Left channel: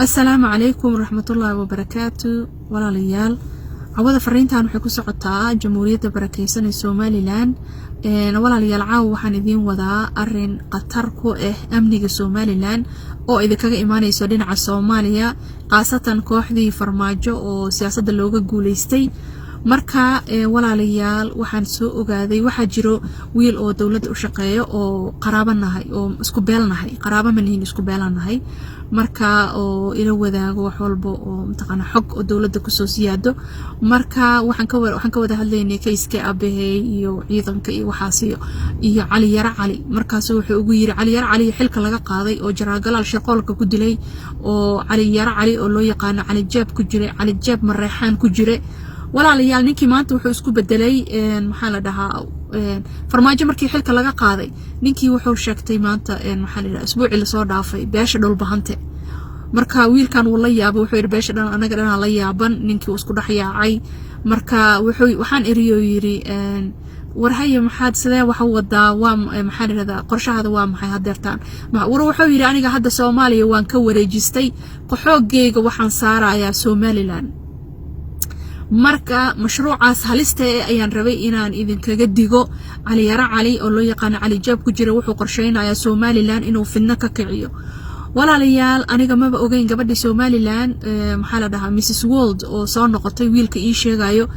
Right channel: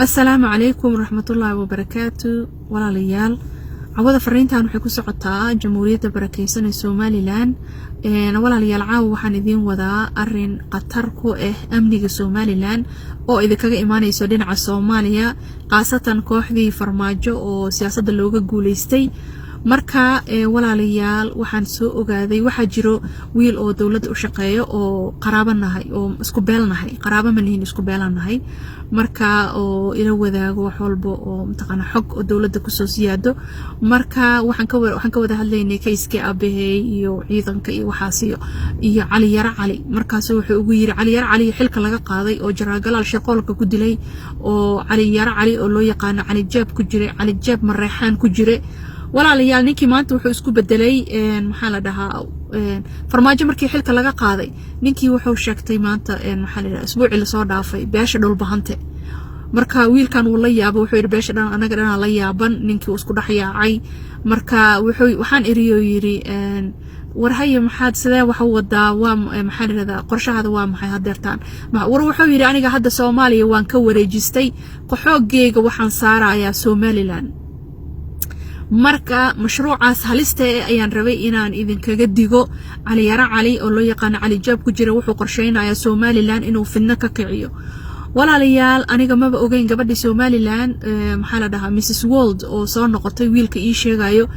السلام عليكم ورحمة الله وبركاته ولا ليال عوضة فرينتان waxay ku socotaa jamhuuriyadda barakeysan ee Somaliland wala liyal caaw waxaan idin wadaa arin qatar ku ah amniga Somaliland oo idinkaga imaanayso dhinaca Soomaaliya qaasatan kooxdii farmaajo oo siyaasadda looga guuleystay marka walaalayaal waxaan soo ogaaday waxa jiro wiil oo dawladda u shaqeeyo oo qaraabanahay oo isku beelnahay qaraabo ma lihin isku beelanahay marka oo ila wadaago wax walba oo mtaqana xog oo dawladda ku soo siyaado marka waxaan ka wada hadlaynay kayska abahay iyo ciidanka iyo waxaas iyo Cali Yara Cali markaas wuxuu ugu yiri Cali Yara Cali xilka laga qaaday oo jaraagalaal shaqoolka ku dilay oo Cali Yara Cali oo loo yaqaan Cali Jaab ku jiray Cali Jaab Mareexaan ku jiray walaalayaal ninkii maanta wuxuu isku bedelay maxaa la dhahaa farmaajo markii xilka laga qaaday ninkii wuxuu sheegtay maanta maxaa la dhahaa isbuucii la soo dhaafay beesha dhulbahante marka wiilkan uu la yaabo wuxuu yiri beesha dhan anaga dhan la yaaban ninkii uu isku dhaxyaacay marka waxaan eriyo yiri warhaye maxaad sidee wax u wadaa waa maxaa la dhahaa qorshahada waa maxay hadeertaan wuxuu yiri aniga hadda Soomaaliya waan ka wareejistay qaxoogeyga waxaan saarayaa Somaliland marka mashruucaas halista ayaan rabay inaan idinkaga digo Cali Yara Cali oo loo yaqaan Cali Jaab ku jira wuxuu qorsheynayaa Somaliland inuu fidna ka kiciyo walaalayaal aniga maba ogeyn gabadha Somaliland maxaa la dhahaa Mrs World oo soo noqotay wiilka ii sheegayo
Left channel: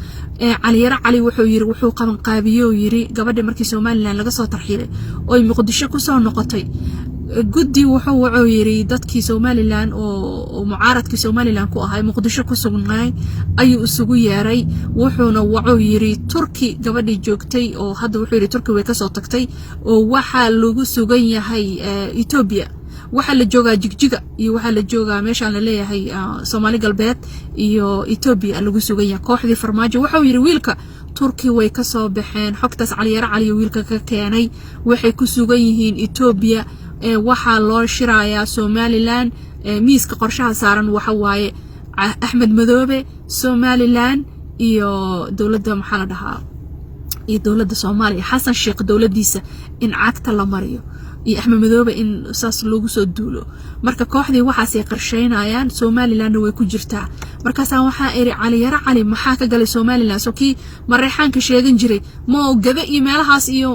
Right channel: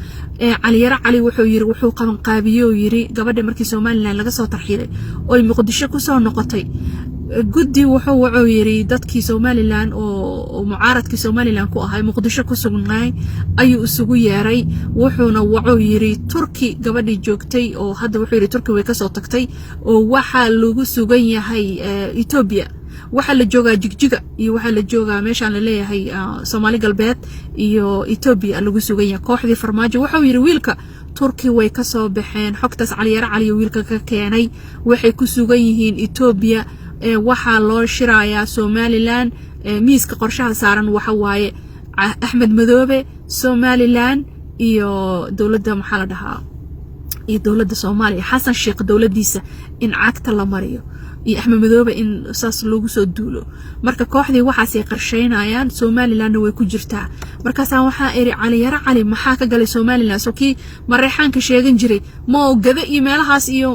Cali Yara Cali wuxuu yiri wuxuu qaban qaabiyo yiri gabadha markii Somaliland laga soo tarxiilay oo Muqdisho ku soo noqotay guddi wuxuu yiri dadkii Somaliland oo mucaaradkii Somaliland ku ahay Muqdisho ku sugnay ayuu isugu yeeray wuxuuna yiri Turki gabadhii joogtay oo hadda wuxuu yiri Turki way ka soo tagtay oo waxa lagu sugan yahay Ethiopia waxa la joogaa Jigjiga iyo waxa la joogaa meesha la leeyahay Soomaali galbeed iyo Ethiopia lagu sugan yahay kooxdii farmaajo wuxuu yiri wiilka Turki way ka soo baxeen xogtaas Cali Yara Cali wiilka ka keenay waxay ku sugan yihiin Ethiopia waxa loo shirayaa Somaliland miiska qorshaha saaran waxa waaye Axmed Madoobe Somaliland iyo dawladda maxaa la dhahaa iyo dawladda Soomaaliya Xasan Sheekh dawladdiisa in cagta la mariyo iyo Axmed Madoobe in saas loogu soo duulo marka kooxdii waxaas ay qarsheynayaan Somaliland way ku jirtaa markaas waxa eri Cali Yara Cali maxaa ka galay Somaliland soo kii Mareexaan ka sheegan jiray ma gada emailhaas iyo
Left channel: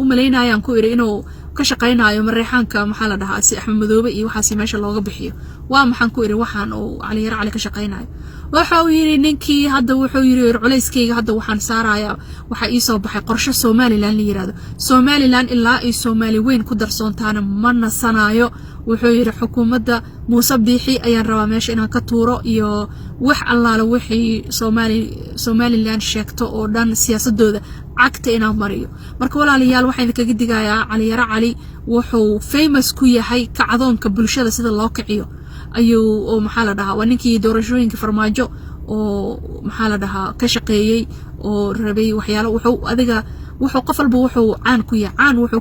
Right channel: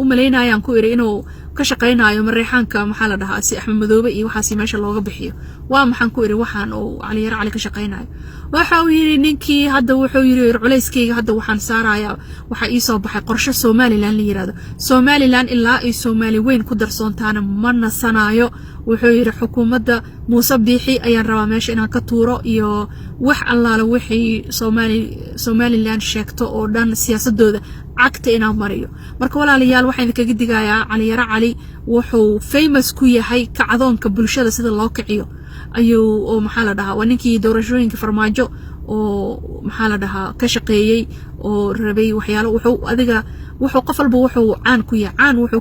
u maleynayaan ku eri inuu ka shaqeynayo Mareexaanka maxaa la dhahaa si Axmed Madoobe iyo waxaas meesha looga bixiyo waa maxaan ku eri waxaan oo Cali Yara Cali ka shaqeynayo waxa uu yiri ninkii hadda wuxuu yiri culeyskeyga hadda waxaan saarayaa waxa ii soo baxay qorshe Somaliland la yiraahdo Somaliland ilaa ay Soomaali weyn ku darsoontaana ma nasanayo wuxuu yiri xukuumadda Muuse Biixi ayaan rabaa meesha inaan ka tuuro iyo wax allaala wixii Somaliland sheegto oo dhan siyaasadooda cagta inaan mariyo marka walaalayaal waxaan idinkaga digayaa Cali Yara Cali wuxuu famous ku yahay kacdoonka bulshada sida loo kiciyo ayuu oo maxaa la dhahaa waa ninkii doorashooyinka farmaajo oo maxaa la dhahaa ka shaqeeyay oo rabay waxyaalo wuxuu qof walba wuxuu caan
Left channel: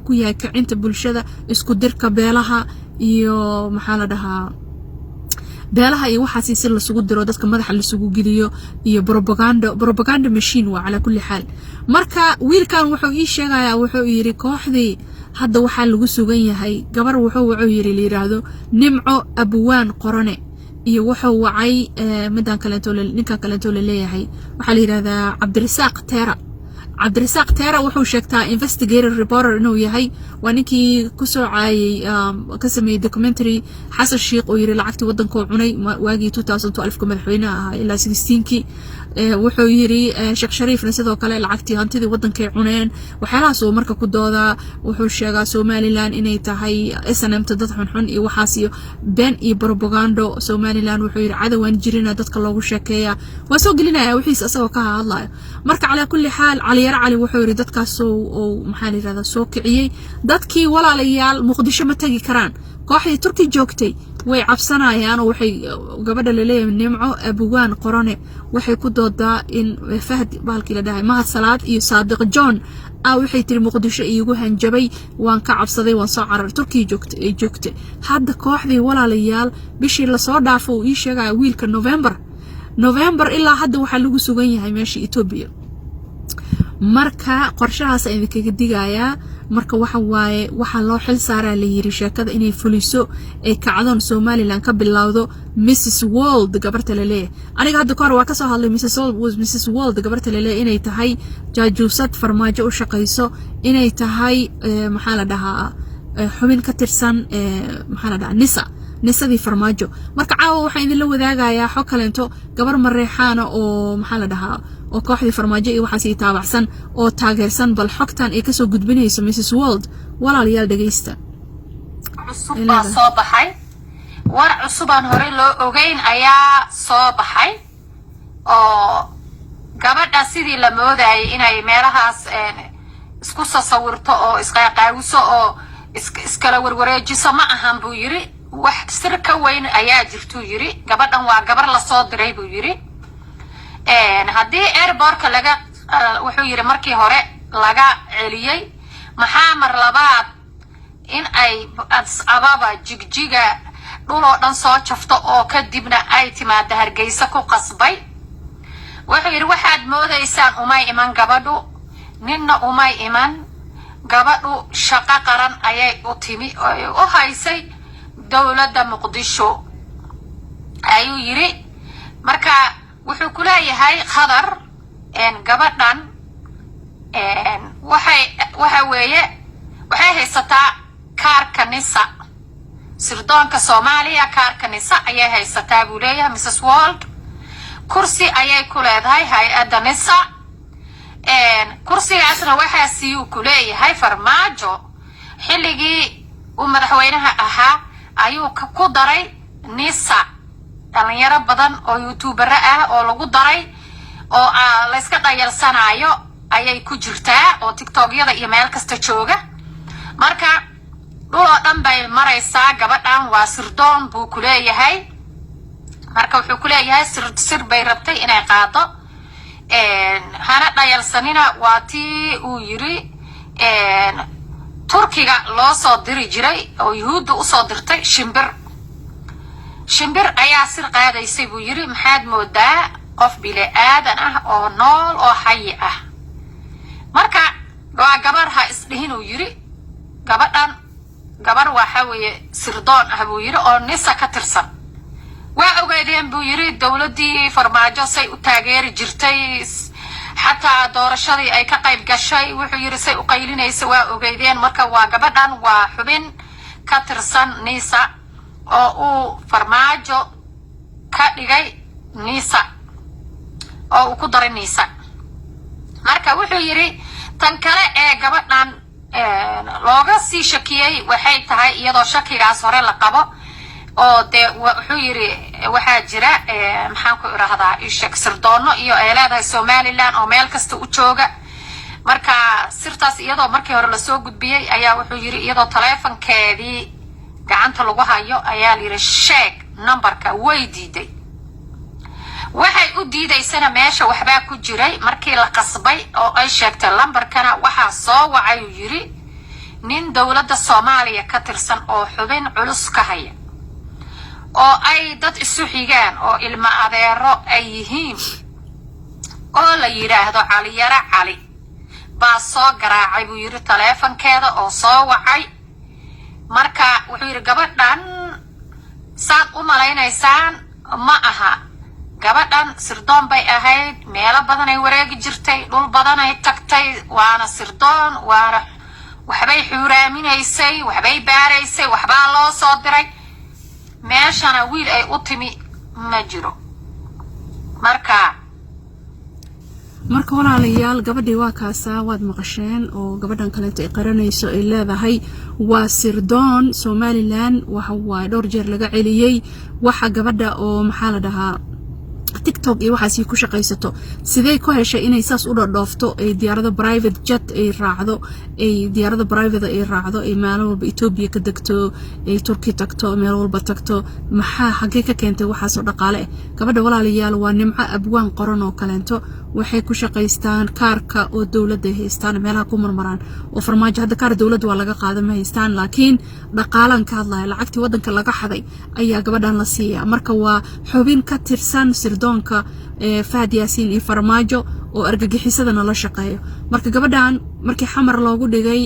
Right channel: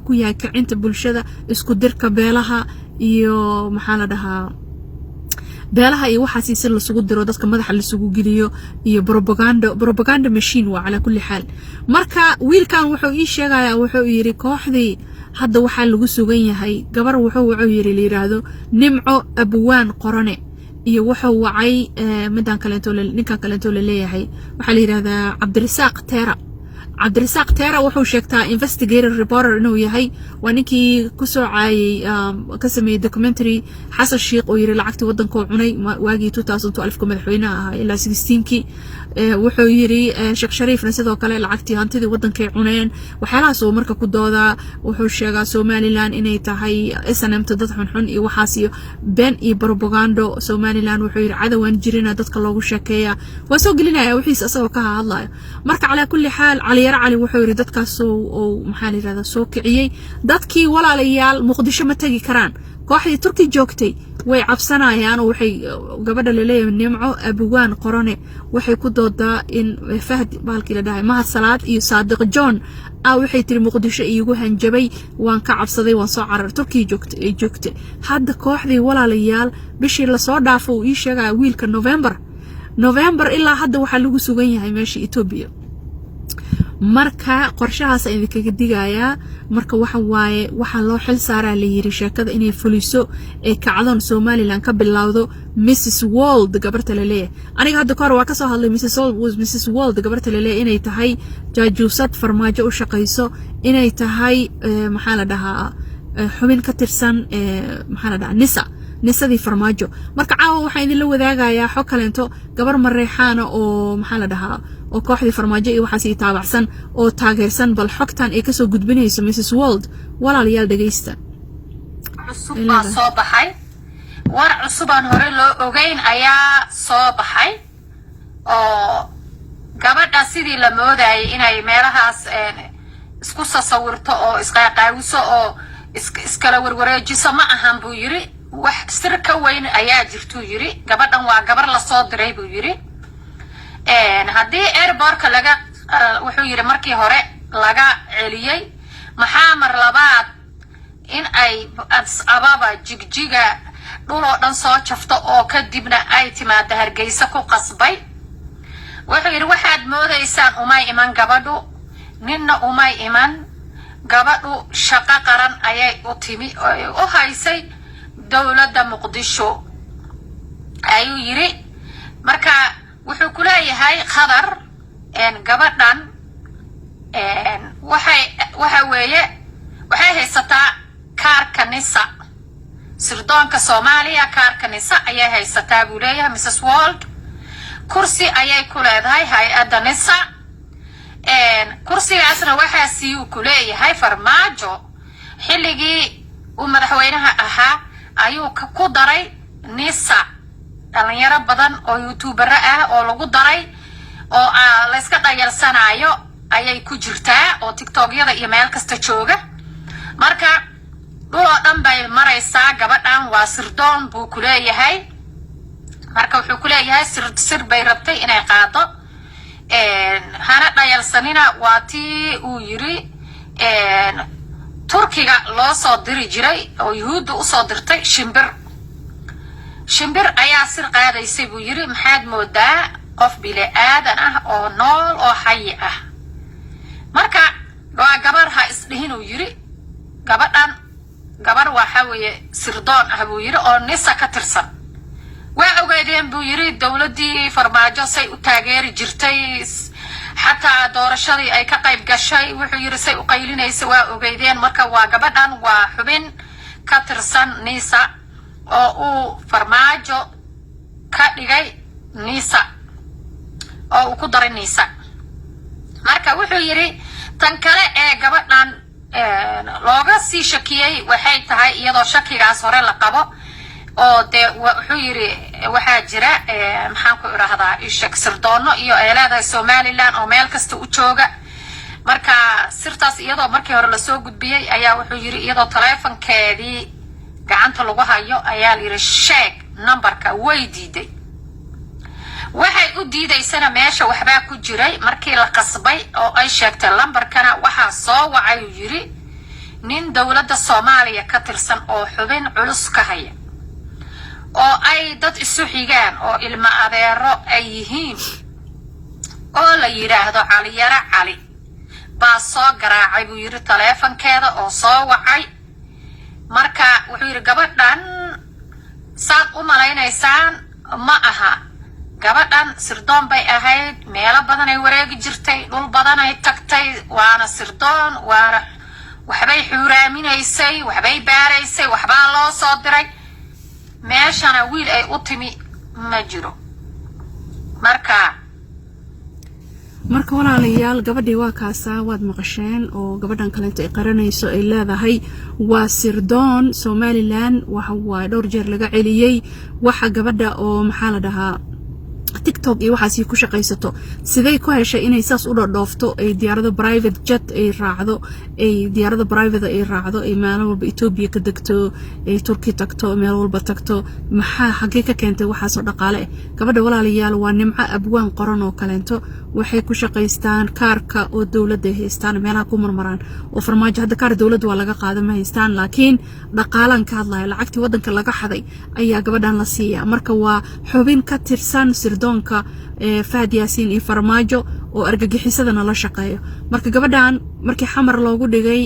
ku yahay kicinta bulshada isku dirka beelaha iyo maxaa la dhahaa beelaha iyo waxaas si la sugu diro dadka madaxa la sugu geliyo iyo propaganda machine waa ala kulli xaal marka wiilkan wuxuu ii sheegayaa wuxuu yiri kooxdii hadda waxa lagu sugan yahay gabar wuxuu yiri liiraado Nimco Abwaan Qorane iyo wuxuu wacay ninkan kaleeto la leeyahay waxa la yiraahdaa Cabdirasaaq Teera wuxuu sheegtaa investigator reporter inuu yahay waa ninkii ku soo caayay ka sameeyay documentary Xasan Sheekh oo yiri lacagtii wadanka uu cunay waagii 2012 ka madaxweynaha ahaa ilaa 16kii wuxuu yiri Sheekh Shariifna sidoo kale lacagtii hantidii wadanka ay cuneen waxyaalahaas oo marka ku dooda wuxuu sheegaa Somaliland inay tahay SNM dad xun iyo waxaas iyo been iyo propaganda Somaliland wuxuu yiri cadawaan jirina dadka loogu sheekeeyaa waa soo gelinaya wixiis asagoo ka hadlayo marka ala kulli xaal Cali Yara Cali wuxuu yiri dadkaas oo maxaa la yiraahdaa soo kiciyay dadkii walaalayaal Muqdisho ma tagi karaan kooxdii Turki joogtay way cabsanayaan oo waxay gabadha la leeyahay Nimco Abwaan Qorane waxay ku doodaa in Fahd baalkii la dhahay Mahad Salaad iyo Saadiq John waxay tiri Muqdisho iigu hanjabay waan ka cabsaday waan soo carar Turki joogtay hadda kooxdii walaalayaal bishii la soo dhaafo ii sheegay wiilka November ilaa hadda waxa lagu sugan yahay meesha Ethiopia marka qorshahaas idinkaga digayaa marka waxa loo xil saaraa la yiri sheekada inay fuliso ee kacdoon Somaliland ka bilowdo Mrs World gabarta leeyahay aniga hadda kor waa ka soo hadlay Mrs World gabarta leeyahay inay tahay jaajuusad farmaajo u shaqeyso inay tahay maxaa la dhahaa xubin ka tirsan maxaa la dhahaa nisadii farmaajo marka caawa waxaan idin la wadaagayaa xog kaleento gabar mareexaana oo maxaa la dhahaa oo kooxdii farmaajo iyo waxa si taabacsan oo taageersan bal xogtan ay ka soo gudbinayso Mrs World walaalayaal dhageysta baa soo baxay war cusub aan hore loo ogeyn ayaa soo baxay oo gabadha sidii la moodayay inay meelahaas isku sawirto oo isqaaqaawiso oo iskala warwareejiso ma ahan buu yiri wax sir ka weyn ayaa jirtu yiri gabadhan waa gabar la soo diray buu yiri haddii airportka laga wuxuu yiri markii hore laga celiyay maxaa mar labaad in ay ababa jigjiga dhuloo dhan soo jafto oo kadibna ay timaado Hargeysa ku qasbay wuxuu yiri waxaad moodaysaan umay iman gabadhu ninna umay iman gabadhu shaqo qaran ayay u timi oo haysay dawladda Muqdisho ayuu yiri marka wuxuu ku leeyahay khadar gabadhan waxay haysataa kaarka NISA sirdoonka Soomaaliya kaarka NISA ayay haysataa buu leeyahay Mrs World kursi ayay ku leedahay hay'adda NISA kursigaasna waxaa uu ku leeyahay farmaajo xilligii uu madaxweynaha ahaa ayuu ku daray NISA dhalinyaro badan oo YouTuber ah oo lagu daray oo la iska dhayalsanayo ayay ku jirtaa oo TikTok-yada iyo meel kasta jooga marka dhul dhan bay maraysaa gabadhan waa sirdoon buu ku leeyahay marka wuxuu ku leeyahay sir bay rabtay inay qaado hana dhayalsanina waa tii uu yiri Turkiga loo soo diri jiray oo Yuhuudda u soo dirtay shimbir ayaa sir qaadaysay buu yiri maxaad moodaa qof bile aadan ah oo nool oo xay ah marka waa gabar ha isdhihin uu yiri gabadhan gabar waxa weeye sirdoon ah buu yiri oo NISA ka tirsan waa ogeydeen buu yiri dawladii farmaajo say u taageeri jirtay حتى doorashadii ay ka qayb gashay wuxuu yiri say u qaylinaysa waa ogeydeen marka waa gabadhan waa xubin ka tirsan NISA oo uu farmaajo ka dhigay NISA oo uu ku daray NISA marka wuxuu yiri tan kale ee gabadhan looga sii shakiyay waxay tahay iyadoo shakigaas hore la qabo oo de wuxuu yiri waxa jira maxaan ku iraahdaa ishak sirdoono iyo eelaada Somaliland oo meel kasta u jooga marka sirtaas iyadoo markii hore la soo gudbiyay ayaa wuxuu yiri iyadoo taleefankeedii gacanta lagu hayo ayaa yiri sheeg numberka way diiday waxay u diidaysana meesha waxba ku jiray markii la qasbay oo ay sheegtay numberkana waxa soo wacay yiri nin dawladda Soomaaliya ka tirsan oo xubin culus ka haya oo ay dad isu xigaan oo ilma adeero ay yihiin oo la yiraahdo cali baa soo garaacay buu yiri taleefankeeda oo soo wacay marka wuxuu yiri gabadhan saad u maleynaysaan ma aha gabadhan sirdoon bay ahayd meelo badan ay wareegi jirtay dhul badan ay tagtay waana sirdoon waana waxbay xuuraaminaysay waxbay baaraysay waxbaa loo soo diray meeshana wiil ay u timi ma jiro marka walaalayaal gabadhii waa kaasa waad maqasheen oo gabadhan kale ay qaranayso ay leedahay waa sirdoon Somaliland waxa dhowr jeer laga celiyay waxa gabadha oo maxaa la dhahaa TikTok iyo waxaas ku shaqaysato sidee ku heshay inay saas u dhoofto ay diyaarado private jet ay raacdo ay diyaarado private ay raacdo ay maalin walba Ethiopia ka degto ay Turkey tagto meel walba tagto maxaa xagee ka keentay waxaas oo dhaqaale gabadha walaalayaal waa nimco abwaan qoran oo kaleento waxay ku shaqaystaan kaarka oo dawladda haystaan meelaha ku marmaraan oo farmaajo hadda kaar dawladda waa laga qaado ma haystaan laakiin dhaqaalan ka hadlaya lacagtii wadanka laga xaday ayaa gabadhan la siiyaa marka waa xubin ka tirsan sirdoonka Fahad Yaasiin iyo farmaajo oo argagixisadana la shaqeeyo marka gabadhan markii xamar loogu dhigay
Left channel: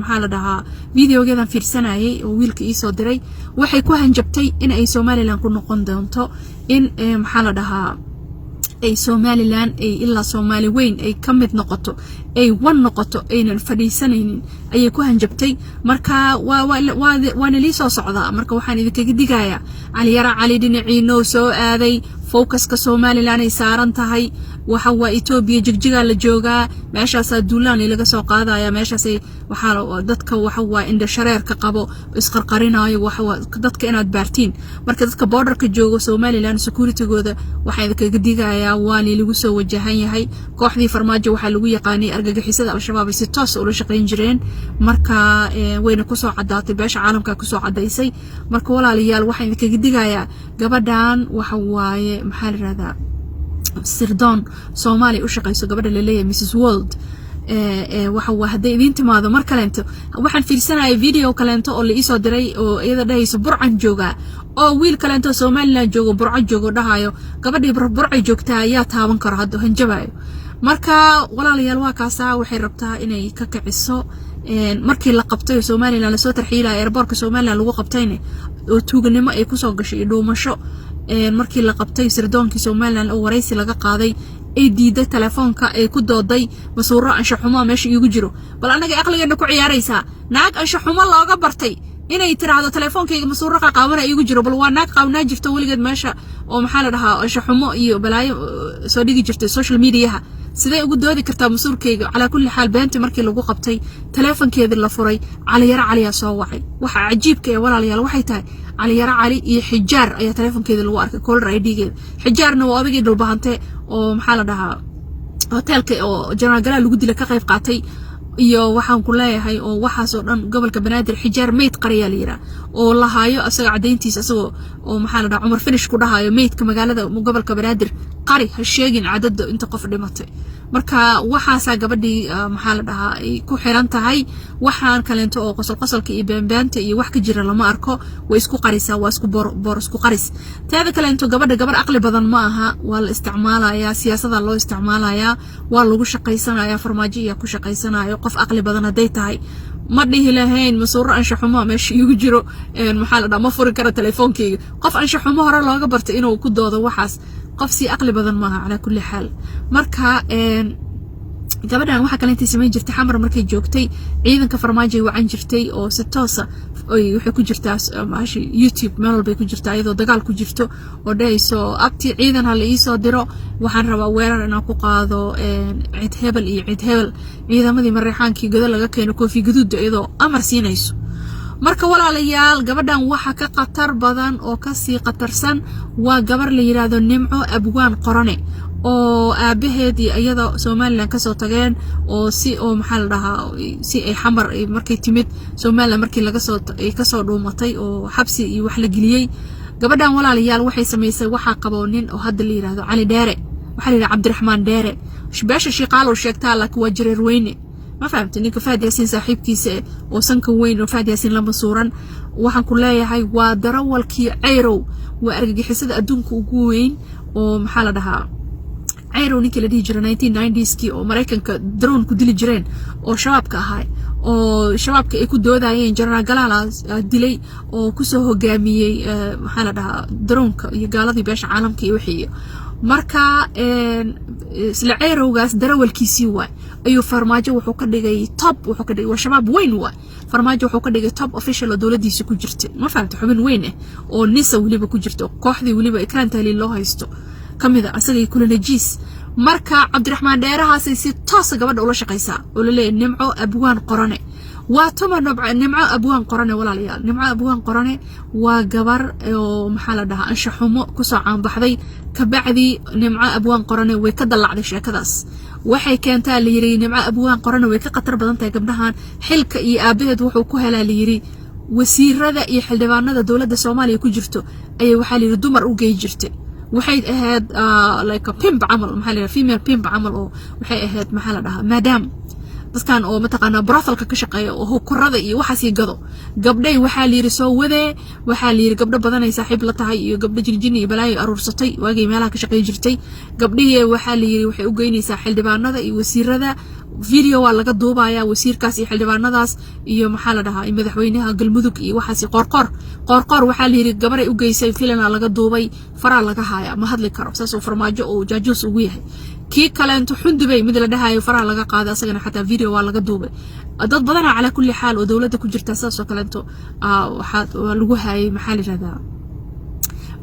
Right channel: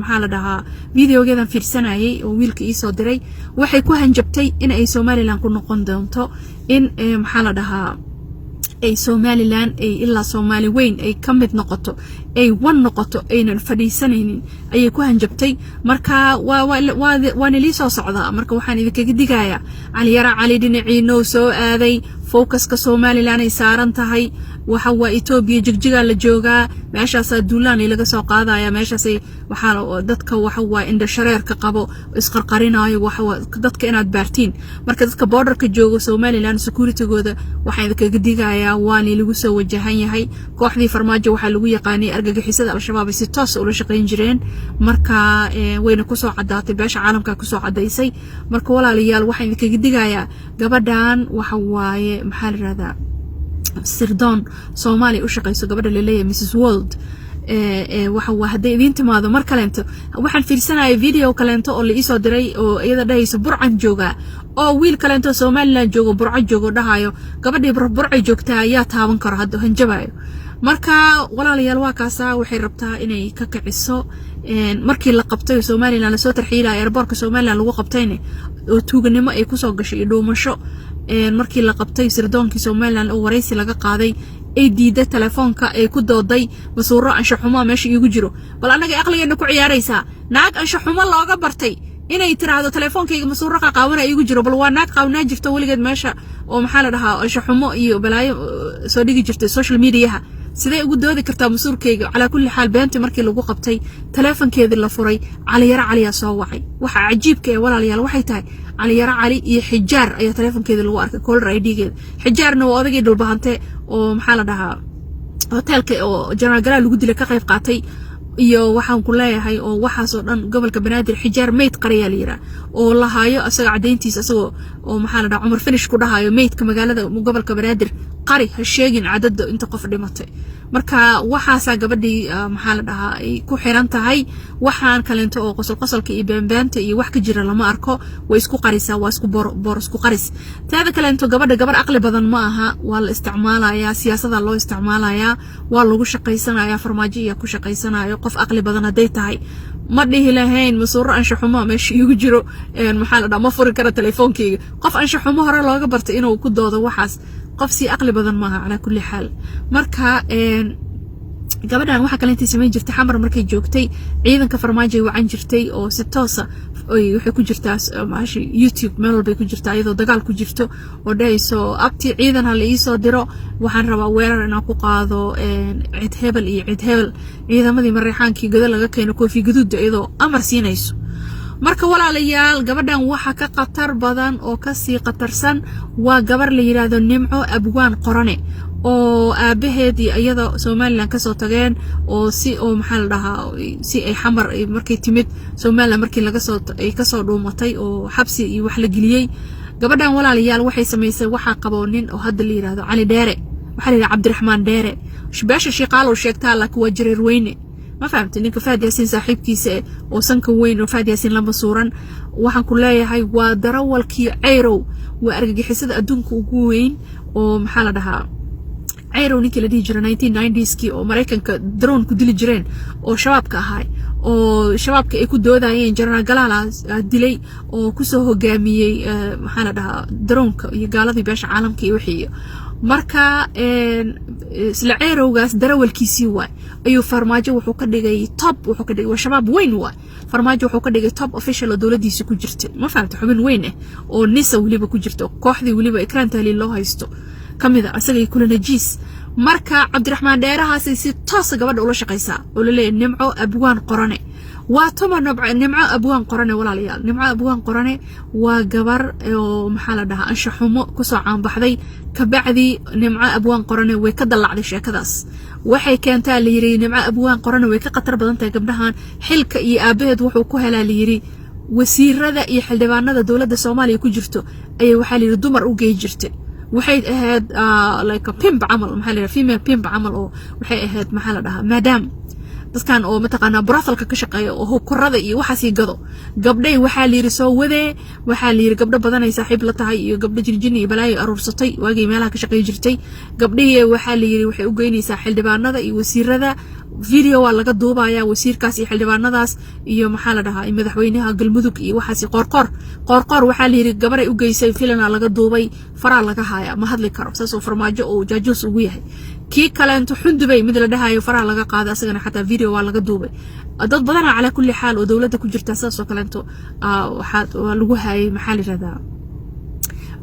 maxaa la dhahaa videogeedan fiirsanayay oo wiilka ii soo diray waxay ku hanjabtay in ay Somaliland ku noqon doonto in maxaa la dhahaa ay Somaliland ay illa Somali weyn ay kamid noqoto ay wan noqoto aynan fadhiisanaynin ayay ku hanjabtay marka waa li soo socda marka waxaan idinkaga digayaa cali yara cali dhinaciino soo aaday focuska Somaliland ay saaran tahay waxa waa Ethiopia jigjiga la joogaa meeshaas duulaan laga soo qaadaya meeshaas waxa dadka waxa waa indha shareerka qabo isqarqarinayo waxa dadka inaad baartiin marka dadka borderka jooga Somaliland security-gooda waxa idinkaga digayaa waa lagu soo wajahan yahay kooxdii farmaajo waxa lagu yaqaanay argagixisada al-shabaab si toos u la shaqeyn jireen marka wayna ku soo cadaatay beesha caalamka ku soo cadaysay marka walaalayaal waxa idinkaga digayaa gabadhan waxa waaye maxaa la raada sirdoon Soomaali u shaqeyso gabadha la leeyahay Mrs World waxa waa haday idin timaado mar kaleento waxaan fiirsanayay video kaleento oo la ii soo diray oo iyada dhahayso burcan jooga oo wiil kaleento Somaliland joogo burca joogo dhahayo gabadhii burca joogtaa ayaa taaban karo hadda hanjabayo marka walaalayaal waa kaasa waxay rabtaa inay ka kiciso markii la qabtay Somaliland la soo tarxiilay airportka Somaliland lagu qabtayna oo tuuganimo ay ku soo gashay dhuumasho markii la qabtay sirdoonkii Somaliland oo wareysi laga qaaday ay diiday telefoonka ay ku dooday masuuro anshax xumo meesha igu jiro bal anaga aqligeena ku ciyaaraysa naag anshax xumo looga bartay inay tiraahdo telefoonkayga masuuro qaabana igu jiro bal waa naag qaabnaa jirto waligeed meesha oo maxaa la dhahaa anshax xumo iyo balaayo soo dhigi jirtay social media sidee ugu doodi kartaa masuurkayga ala kulli xaal beenta markii lagu qabtay telefoonkeeda la furay cali yara cali soo wacay waxa cajiibka ee walaalayaal waxay tahay cali yara cali iyo xijaar ayaa telefoonkeeda lagu arkay caller ID-geeda xijaarna waa odagii dhulbahante oo maxaa la dhahaa hotelka oo General Gala lagu dilay ka qayb qaatay iyo waxaan ku leeyahay oo waxaas oo dhan gobolka Banaadir xijaar meed qariya liira oo la haayo asaga cadeyntiisa asagoo oo maxaa la dhahaa Umar Finish ku dhahayo meedka magaalada gobolka Banaadir qari ha sheegin cadad inta qof dhimatay marka waxaasa gabadhii maxaa la dhahaa ay ku xiran tahay waxaan kaleento oo qosolka iyo beenbeenta iyo wax ka jira lama arko way isku qarisaa waa isku bor isku qaris taada kaleento gabar aqli badan ma aha waa la isticmaalayaa siyaasadda loo isticmaalayaa waa lagu shaqeysanayaa farmaajo iyo ku shaqeysanayo qof aqli badan haday tahay ma dhihi lahayn masuuro anshax xumo meesha igu jiro maxaa la dhahaa ma furi karo telefoonkeyga qof anshax xumo hore looga bartay inuu ku doodo waxaas qof si aqli badan maaha ala kulli xaal marka gabadhan waxa kale intii sameyn jirtay xamar markay joogtay ciidanka farmaajo wacan jirtay oo si toos ah waxay ku jirtaa maashi YouTube meel walba ku jirtaa iyadoo dagaal ku jirto oo dhayso abti ciidan hal ii soo diro waxaan rabaa weerar inaan ku qaado cid hebel iyo cid hebel ciidamadii Mareyxaankii godol laga keeno koofi gaduud iyadoo amar siinayso marka walaalayaal gabadhan waxa ka qatar badan oo ka sii qatarsan waa gabar la yiraahdo Nimco Abwaan Qorane oo aabaheed iyo iyada Somaliland ka soo tageen oo si oo maxaa la dhahaa si ay xamar markay timid Somaliland markii laga soo ay ka soo dhuumatay oo xabsi iyo wax la geliyay gabadhan walaalayaal waxay sameysay waxa qaboonin oo hadda la yiraahdo Cali Dheere waxa la yiraahdo Cabdiraxmaan Dheere shbaasha shaqaalo sheegtaa la kuwa jireer weyne ما فهمت إنك فهد ياسين صاحب كيسة وسنك وين وفهد ياسين لما صورا وحن كلها هاي ودرول كي عيرو وأرجع حسد أدونك وجوين ومحل ده عيرو نيكي لدي جرا 1990s كي ومريكان كدرون كديل جرين وشباب كهاي وشباب كيكو دودا ين جرنا جلالا دلي وكسو هجامي محل ده درون يقال ذي باش عالم كي وحيه marka isla ceerowgaas darawalkiisii waa ayuu farmaajo wuxuu ka dhigay top wuxuu ka dhigay shabaab weyn waa farmaajo wuxuu ka dhigay top official oo dawladdiisa ku jirtay ma fahamta xubin weyn ah oo nisa waliba ku jirto kooxdii waliba ekraan taaliil loo haysto kamida asagay kula najiis marka Cabdiraxmaan Dheerahaas si toos gabadha ula shaqeysaa oo la leeyahay Nimco Abwaan Qorane waa tuma Nimco Abwaan Qorane walaalayaal Nimco Abwaan Qorane waa gabar oo maxaa la dhahaa anshaxumo ku soo caan baxday kabacdi Nimco Abwaan Qorane way ka dalacday sheekadaas waxay keentaa la yiri Nimco Abwaan Qorane way ka qatar badan tahay gabdhahan xilka iyo aabaheed wuxuu ku helaa la yiri wasiirada iyo xildhibaanada dawladda Soomaaliya ku jirto ay waxa la yiri dumar u geey jirtay waxay ahayd like a pimp amal maxaa la yiri female pimp amal oo waxay ahayd maxaa la dhahaa madam dadkan oo mataqaana brothel ka shaqeeyo oo korada iyo waxa si gado gabdhay waxa la yiri soo wade waxa la yiri gabdho badan ay saaxiib la tahay iyo gabdho jirjin iyo balaayo aruursatay waagay meelaha ka shaqeey jirtay gabdhihii waxa la yiri waxay u geynaysaa xildhibaanada iyo wasiirada video waa laga duubaya wasiirkaas iyo xildhibaanadaas iyo maxaa la dhahaa madaxweynaha galmudug iyo waxa si qorqor waxa la yiri gabar ay u geysay filan laga duubay fara laga haya ma hadli karo saasoo farmaajo oo jaajuus ugu yahay kii kale inta xundubay mid la dhahayo fara laga qaada asagana xataa video waa laga duubay dad badan ala kulli xaal oo dawladda ku jirta saasoo kale inta waxa lagu hayay maxaa la yiraahdaa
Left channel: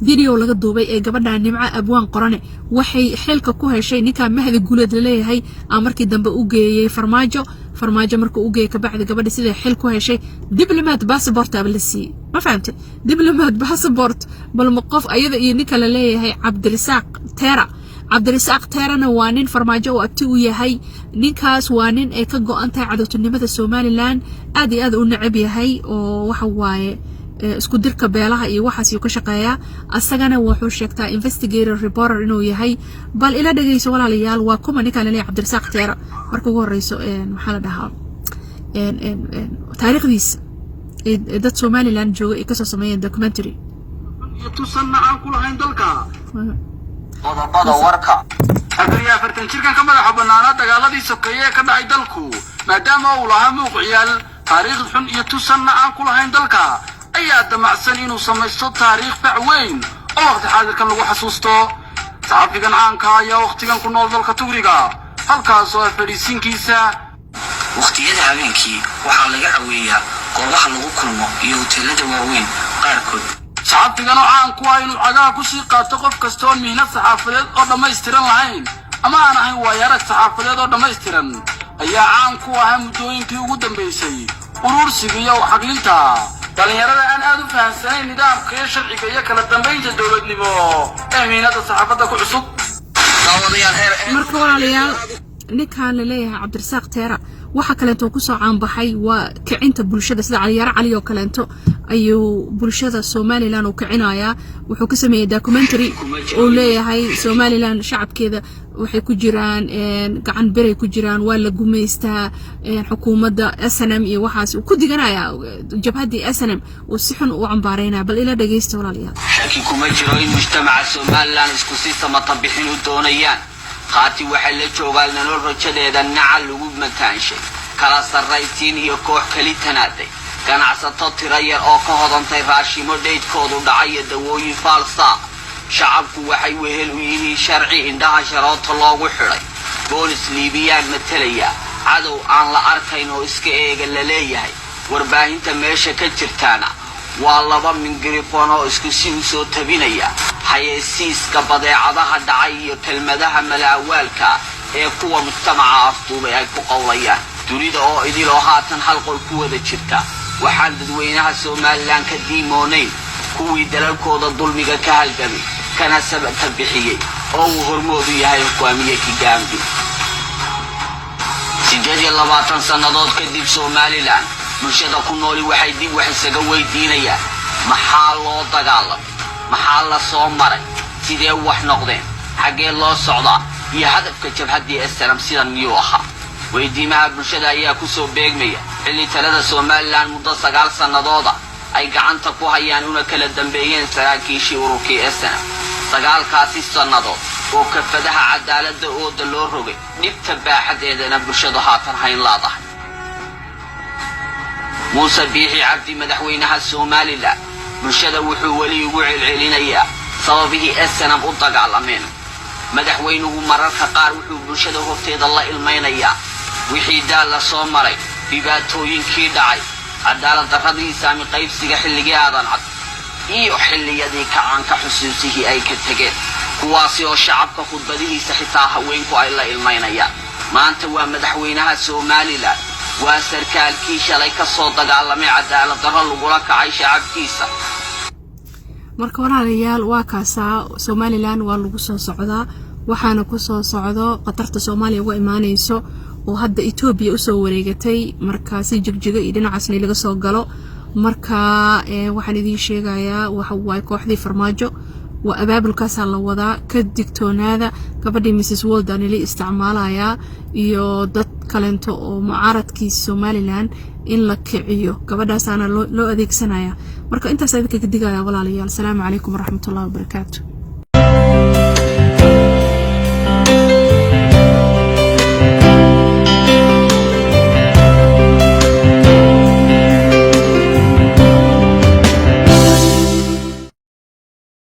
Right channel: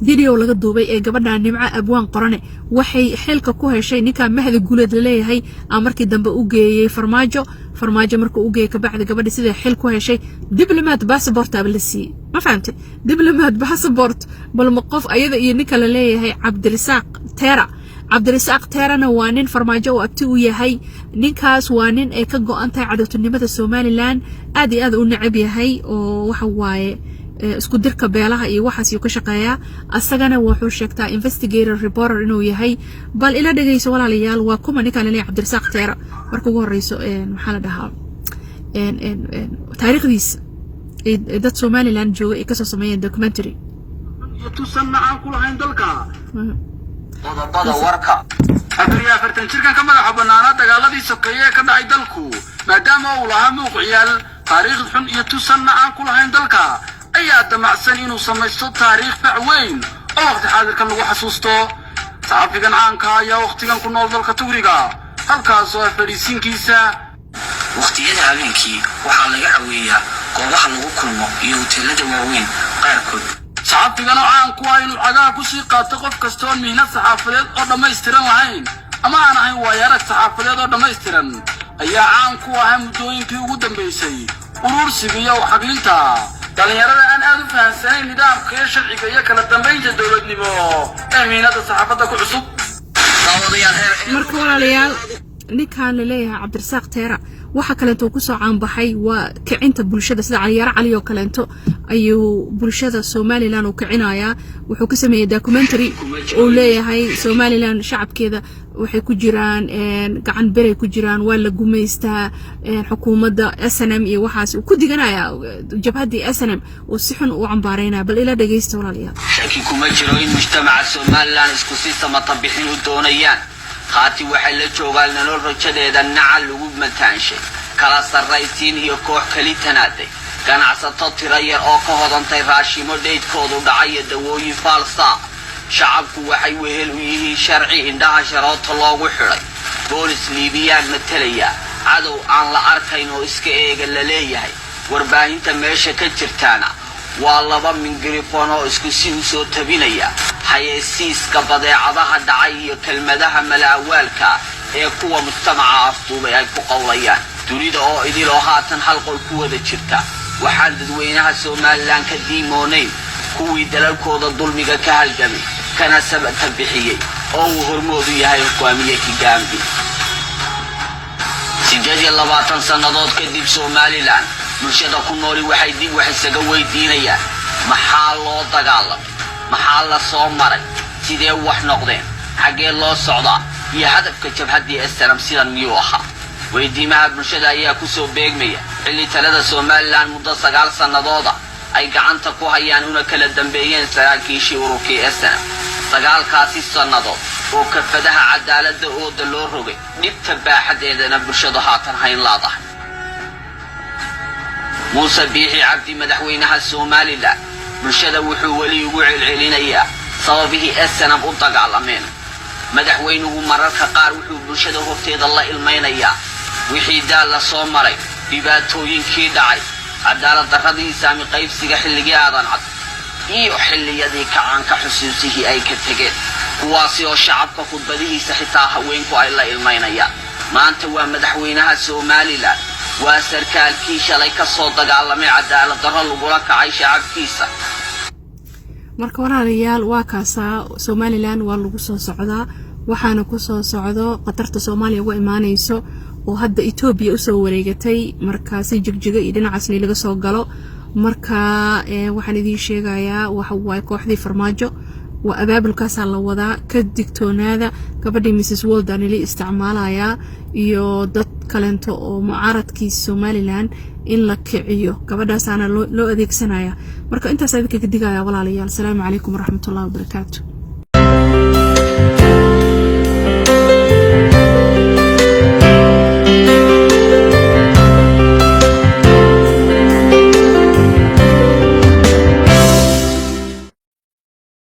video laga duubay ee gabadha nimca abwaan qorane waxay xilka ku heshay ninka mahdi guuleed leeyahay markii dambe u geeyay farmaajo markuu u geeyay ka bacdi gabadha sida xil ku heshay diplomat passport abalisi ma fahamtay diplomat passport bal maqof ayada iyo ninka la leeyahay Cabdirasaaq Teerana waa nin farmaajo oo abti u yahay ninkaas waa nin ay ka go'antahay cadawtinimada Somaliland aad iyo aad u nacab yahay oo waxa waaye isku dirka beelaha iyo waxaas uu ka shaqeeya asagana wuxuu sheegtaa investigator reporter inuu yahay bal ila dhageyso walaalayaal waa kuma ninka la leeyahay Cabdirasaaq Teera markuu ugu horeyso maxaa la dhahaa taariikhdiisa dad Somaliland jooga ay ka soo sameeyeen documentary tusamma aan ku lahayn dalka qodobada warka hadii afartan jirkan ka madaxa banaana dagaaladii sokeeye ka dhacay dalku maadaama uu lahaa muuqaal taariikh xun iyo tusamma aan ku lahayn dalka ayaa damacsan inuu samaysto taariikh fac weyn oo waqti xaadirkan lagu xasuusto saxafigan caanka ayaa waqtigan ku nool dalka Tuuriga halkaas oo fariisinkiisa waqtiyada habeenkii waxaa laga caweeyaa goobaha lagu kulmo iyo hoteelada waaweyn qaarkood saxafigan oo caan ku ah inuu cagaha ku sii qaato qof kasta oo mihnad saxaafadeed oo dhammaystiran lahayn ama aan ahayn waayarag saxaafadeed oo dhammaystiran ayaa caan ku ah muddooyinkii ugu dambeysay urursiga iyo xaglinta dhalinyarada aan aad u fahansanayn nidaamka iyo sharciga iyo kala dambeynta dowladnimo ee mihnada saxaafadda ku cusub marka walaalayaal ninkan la leeyahay Cabdirasaaq Teera waxa kale oo ku soo caan baxay waa kicinta bulshada sida Cali oo kale ayuu bulshada Somaliland u kicinaya wuxuu ka sameeyay documentary oo leeyahay Somaliland shacabkeeda waxay ku jiraan gacan beray ku jiraan waa la gumeystaa xukuumadda SNM iyo waxaas ku diganaya jabhadii SNM oo si xun u cambaarayna bal ila dhageysta walaalayaal shaki kuma jiro in mujtamaca Somaliland isku si samatabbixin doonayaan qaati waxay la joogaan nolol rajadeeda nacal lagu mataanshay kala sarraysiin iyo koox kali tanaaday ganacsato tiro yar oo ka hodantay raashimo dheedkoodu dhacay dawooyin falsa shacabku waxay wehel u yihiin sharci indhaha sharoota loogu xiray boolis liibiyaan matalaya cadow aan la arkayn oo iska eega la leeyahay warbaahinta meesha ka jirtaana waa laba mingirifon oo isku si u soo tabinaya hay'adsiiska badeecadaha dhacay iyo kelmadaha malaawaalka ee kuwa mujtamaca afduubay ay ku qowlayaan dunida oo idiloo haatan hal qol ku wada jirta waxaan dadweynaha Somaliland ka diimoonay kuwii dalalkooda dulmiga ka halgamay kana sababta bixiyay oo uu hormoodu yahay hogaamiyada Gambia 20 sanadood kadib Somaliland bulshada ku nool waxay isaga weydiinayaan maxaa loo dagaalamay maxaa la soo maray sidee wax noqdeen xagee loo socdaa iyo hadafka jabhadii SNM sida miyuu ahaa weydiimaha bulshada ayaa ku soo beegmaya xilli talada Somaliland muddo 9 sanadooda ay gacanta ku hayaan una kala dambeeyeen saraakiishii ururkii SNM 9 sanadood oo kafadaha cadaaladda oo loo rogay dhibka baaxadeedana bulshada haatan hayn laadahay موسى بيحي عبدي مدحوينها Somaliland bulshada wuxuu wali ugu celcelinayaa sababihii SNM u dagaalameen madaxweynuhu mararka qaar wuxuu bulshada horteeda la ilmeynayaa wixii daal la soo maray dhibaatooyinkii dhacay cadaalad darradii saami qaybsiga xilligii aadan cad iyo xilliyadii kacaanka xusuusihii ay ka tageen kuwaasi oo shacabka khudbadihiisa xitaa haweenku ay la ilmeynayaan maanta waa madaxweynaha Somaliland وسركالكي شلay ka soo dagaalamay cadaalad darro lagula kacay shacabkiisa marka walaalayaal waa kaasa Somaliland waa lagu soo socdaa waxaana ku soo socdo qatarta Soomaaliya uga imaanayso oo hadda Ethiopia u soo wareegatay markaasi jigjiga iyo dhinacaasna laga soo galo marka waxaan idin sheegayaa waxa way kooxdii farmaajo waa abaabulkaas la wadaa ka digtoonaada gabadhii Mrs Walden li isticmaalaya iyo dad kalento oo mucaaradkiisa Somaliland in la kiciyo gabadhaas ana loo adeegsanaya marka intaas aad ka digaya walaalayaal. Assalaamu calaykum waraxmatullaahi wabarakaatuh.